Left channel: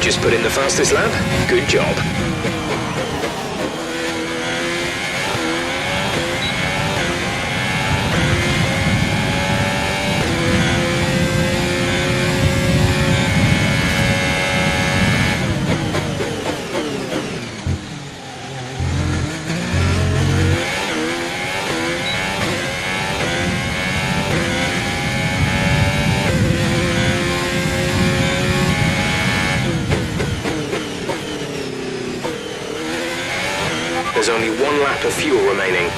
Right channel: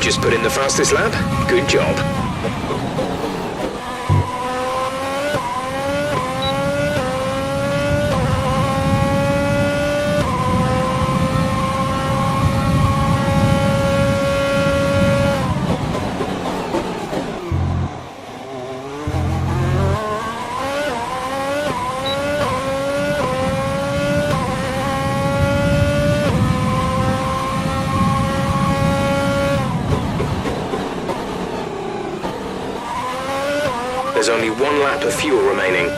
Just put in the fastest lap. Good job. There's only 1 lap of fuel remaining.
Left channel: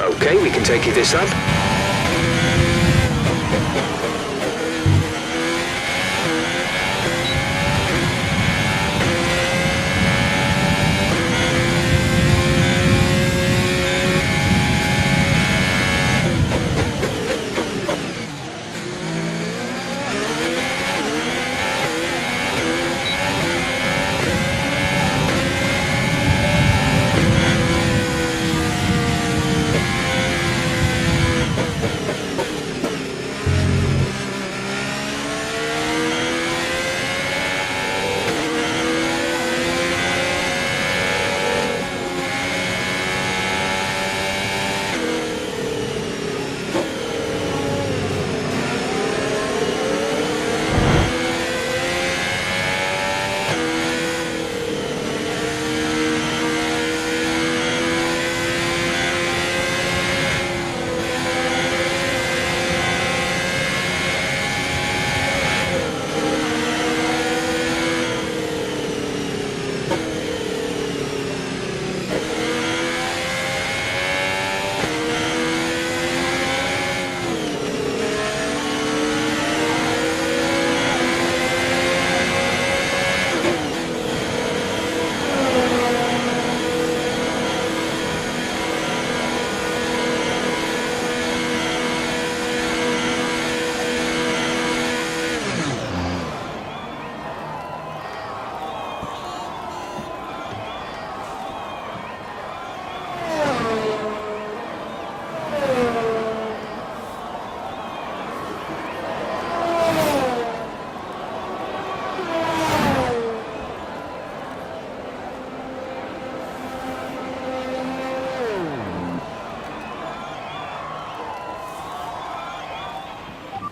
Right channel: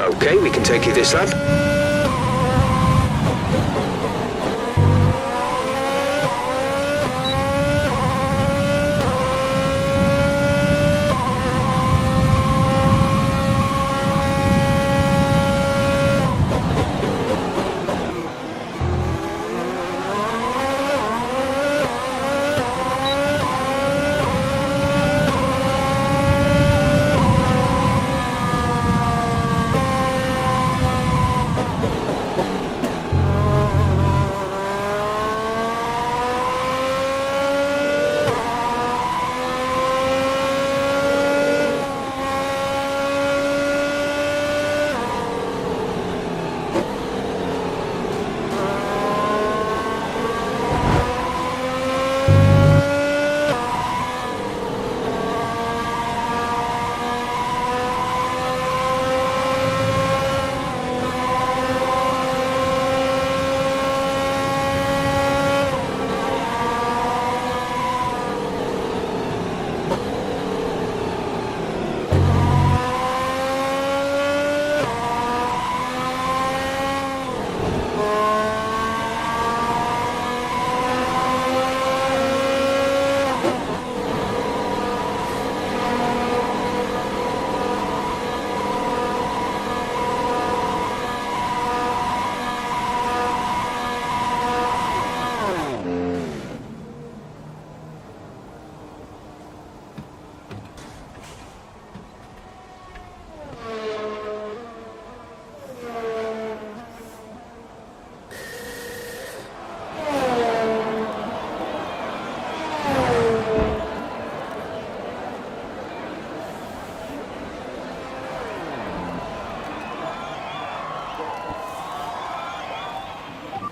Okay, we can take you this lap.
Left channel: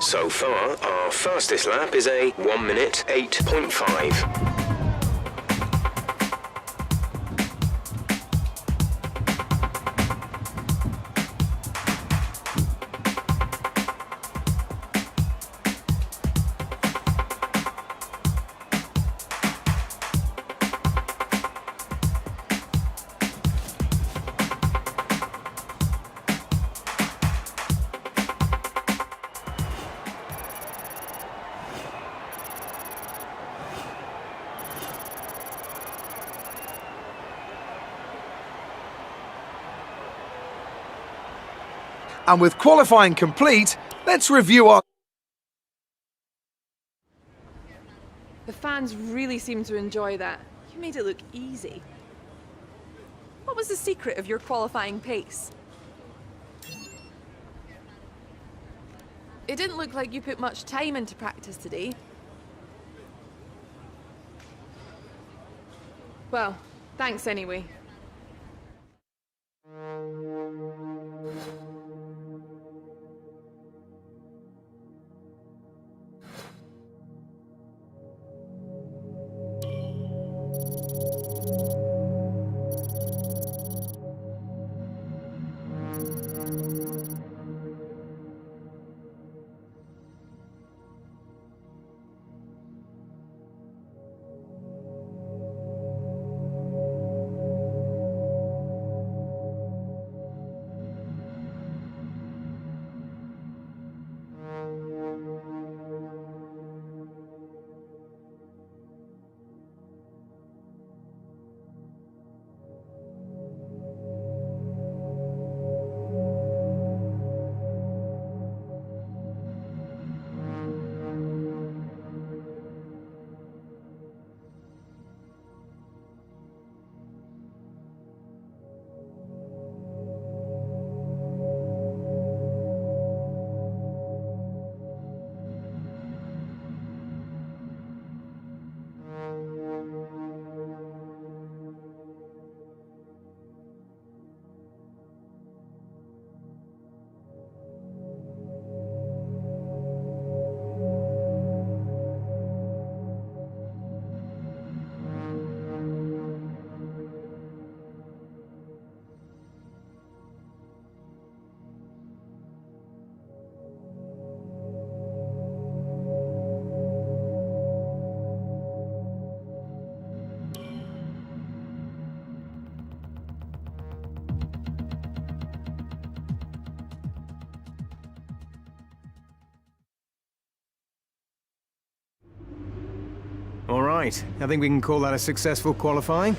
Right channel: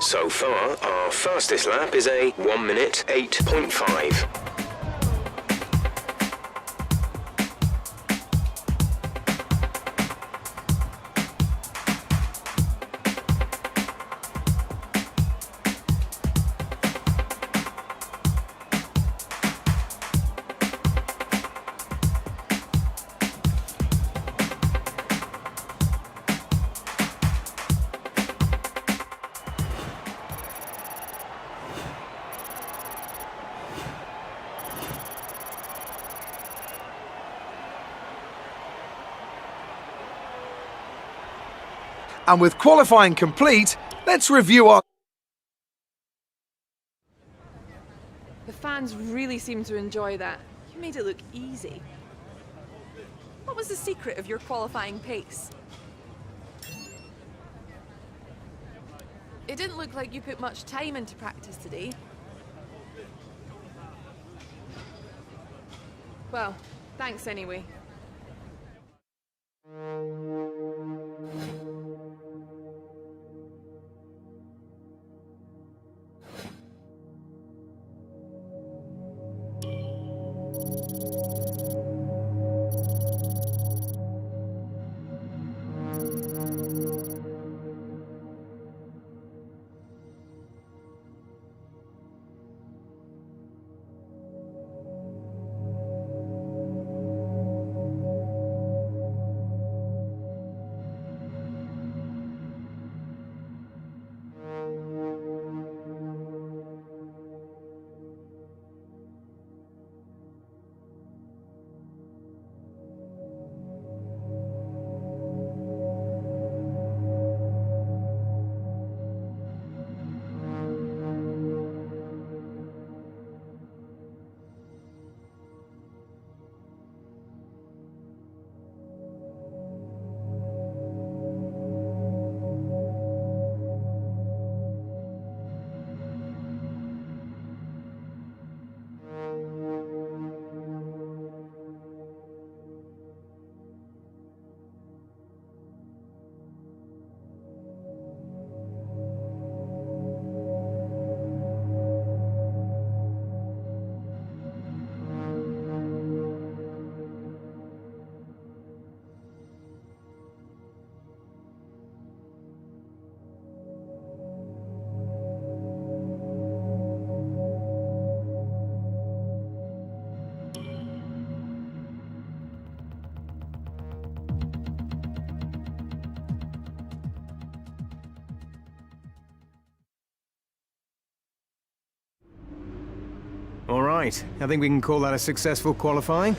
So far, our fastest lap is a 1 minute 8.5. And with qualifying complete, let's review our... The fans really seem to enjoy that. You made it look easy. What was the secret of your qualifying pace? It didn't look like you put much time into practice today. Well, thanks anyway. All right, I think we can call that a successful qualifying.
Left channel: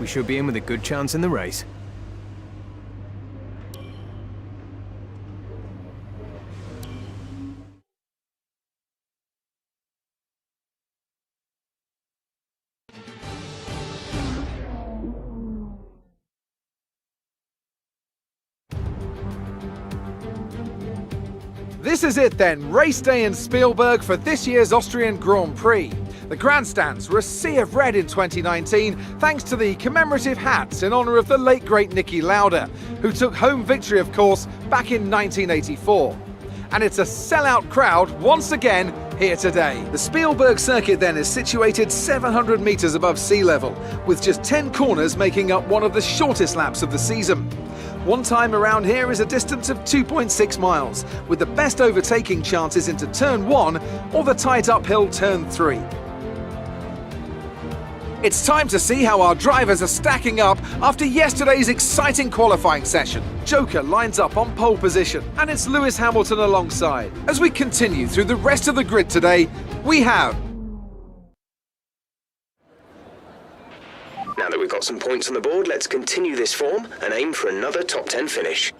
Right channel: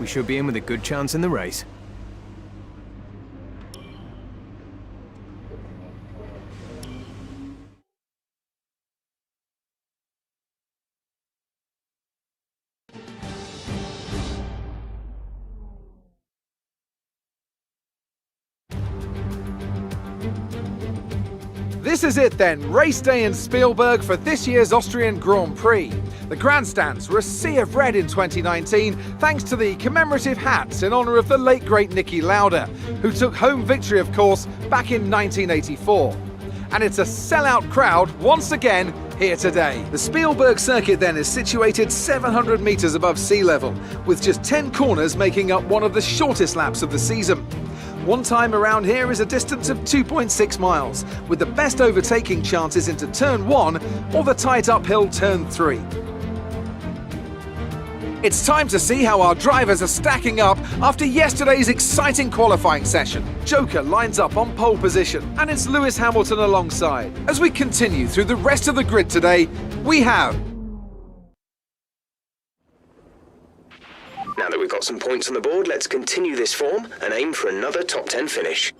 We should be in with a good chance in the race. This is it then, race day in Spielberg for this year's Austrian Grand Prix. The grandstands were a sea of red in 2019 thanks to the commemorative hats in honour of the late great Niki Lauda, who took home victory of course back in 1984. And it's a sellout crowd once again here today. The Spielberg circuit then is situated 700 metres above sea level, with just 10 corners making up one of the shortest laps of the season. One time around here is a distance of 2.6 miles, with the best overtaking chances into turn 1 or the tight uphill turn 3. It's time to see how our drivers are stacking up after yesterday's exciting qualifying session. Joker lines up on pole position, and it's Lewis Hamilton alongside. As we continue through the rest of the grid today, we have... Now that we've got some points on the board, let's continue this form and aim for another top 10 finish.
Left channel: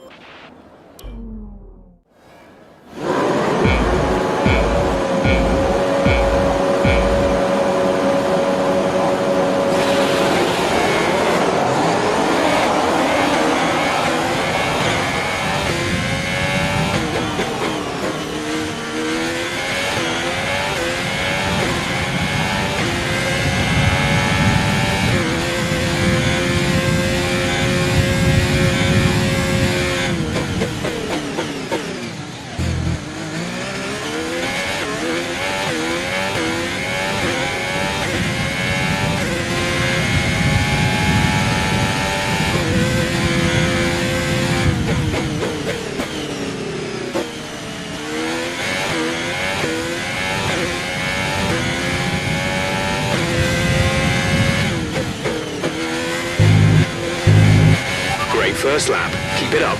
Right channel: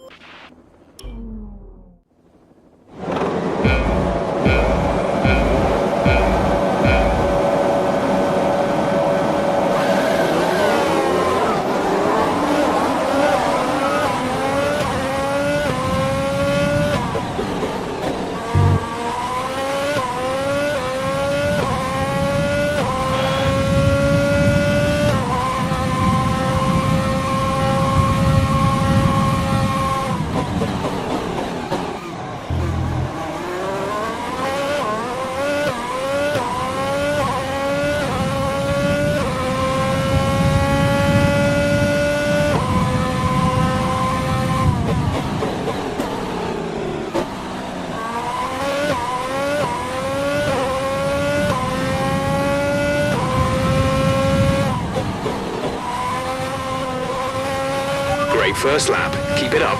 great first lap. Keep it up.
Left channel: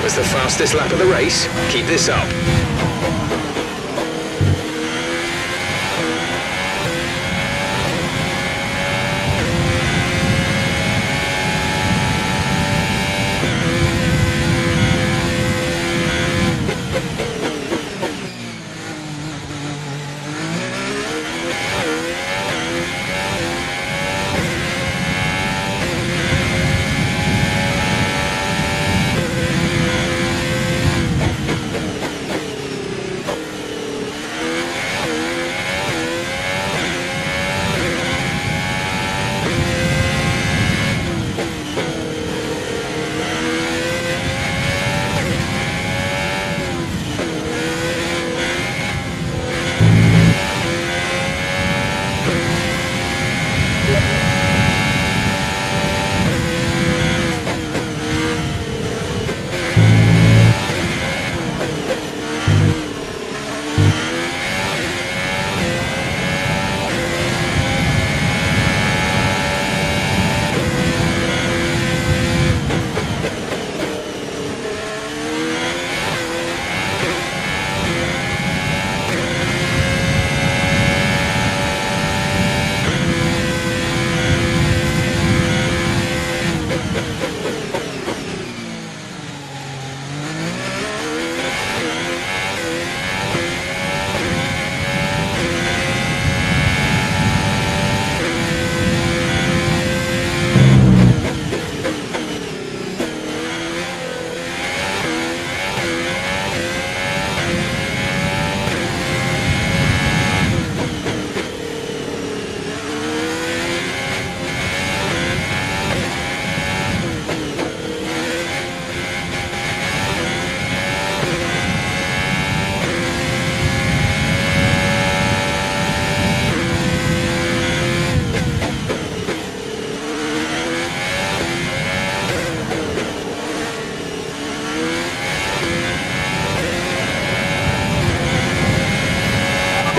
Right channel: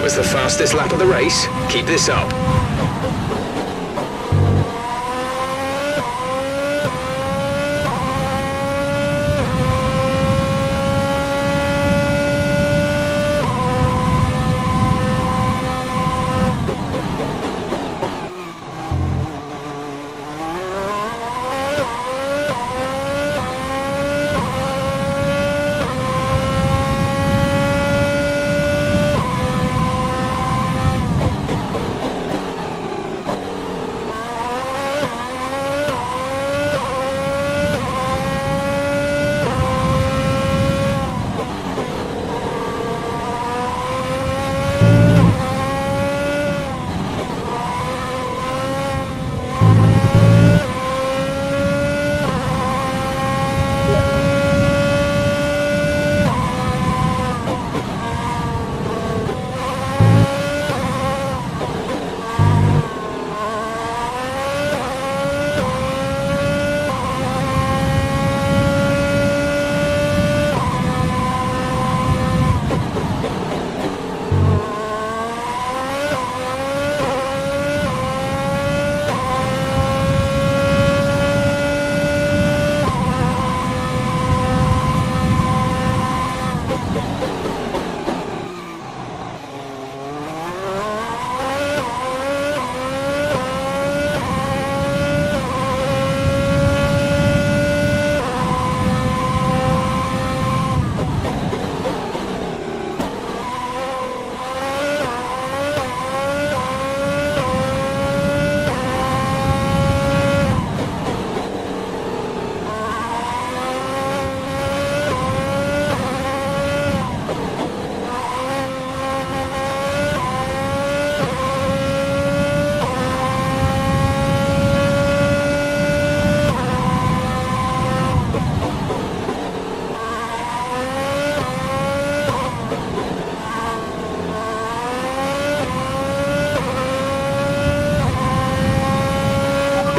That was the fastest lap of the race. Keep this up.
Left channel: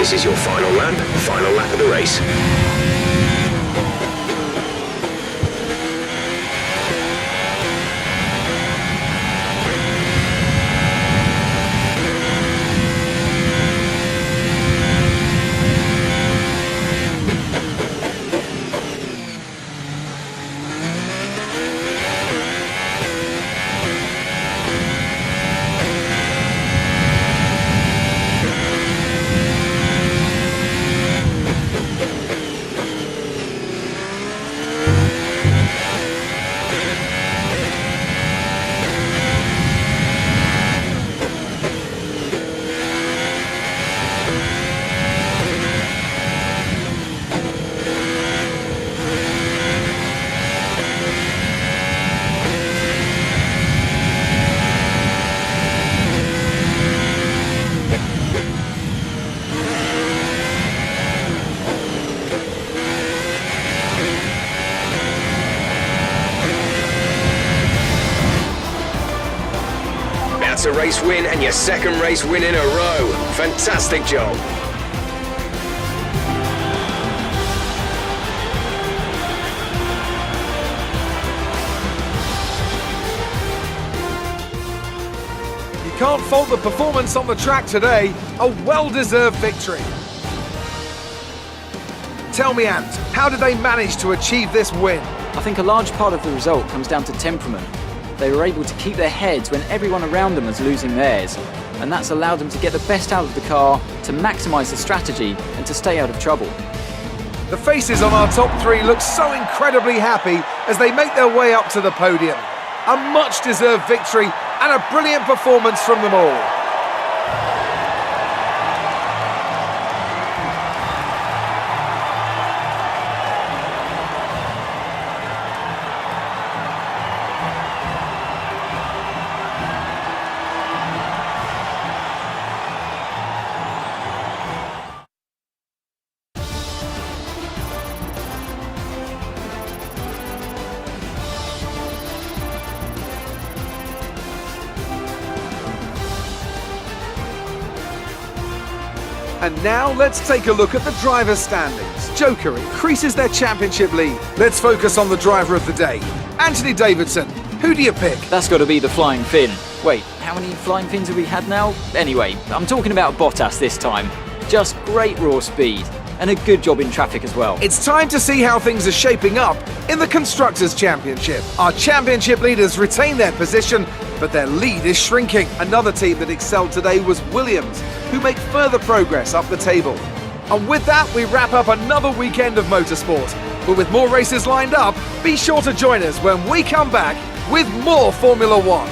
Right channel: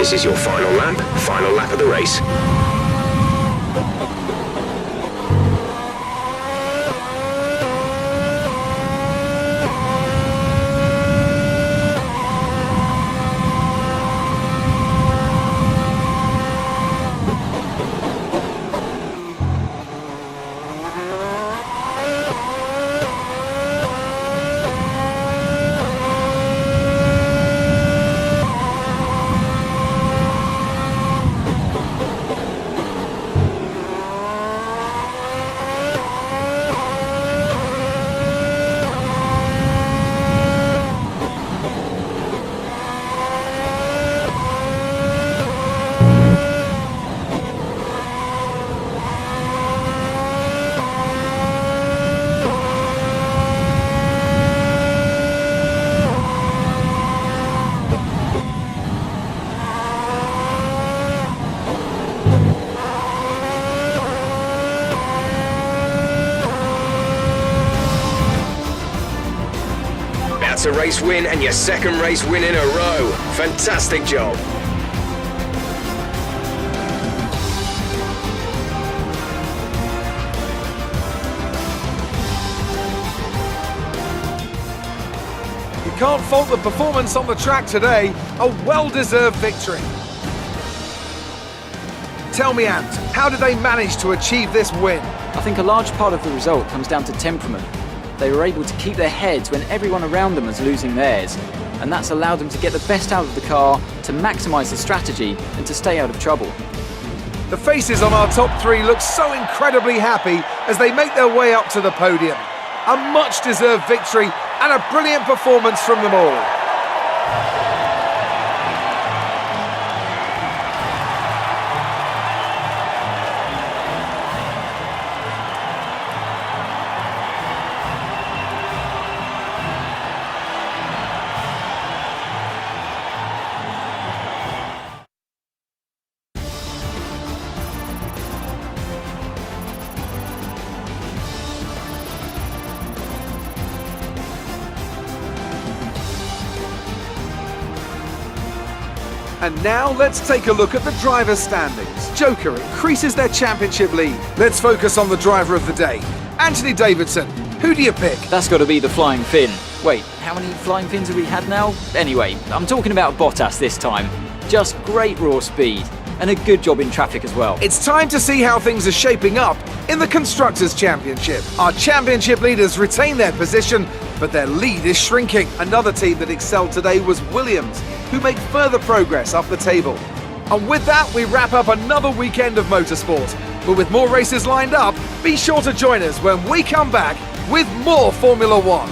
This is your final lap of the race. That's a race win and your second race win in a row. Fantastic job. You can't fault the performance on the track today. A well-deserved victory. Tell me, Ant, how did they manage to achieve this win? I think a large part of the result comes down to temperament. They were able to keep their heads when everyone around them was losing theirs, and that's allowed them to get the best out of the car, to maximise the strategy, and to stay out of trouble. The faces on our top three look so incredibly happy as they make their way up to the podium. A much-deserved victory and a brilliant performance from them all. And now let's take a look at the drivers' standings. Joker increases their championship lead. Let's focus on the driver of the day, Anthony Davidson. Who do you pick? That's got to be the Flying Finn. Wait, how many Flying Fins have we had now? Anyway, I'm talking about Bottas this time. Just great raw speed, and a good job in traffic as well. It's time to see how things are shaping up in the Constructors' Championship. Our championship leaders retain their position, but their lead is shrinking. Another team that excelled today was Williams, who make further progress up the table. And with that, we wrap up another weekend of motorsport. But with more races lined up, be sure to join us when we come back with more Formula One.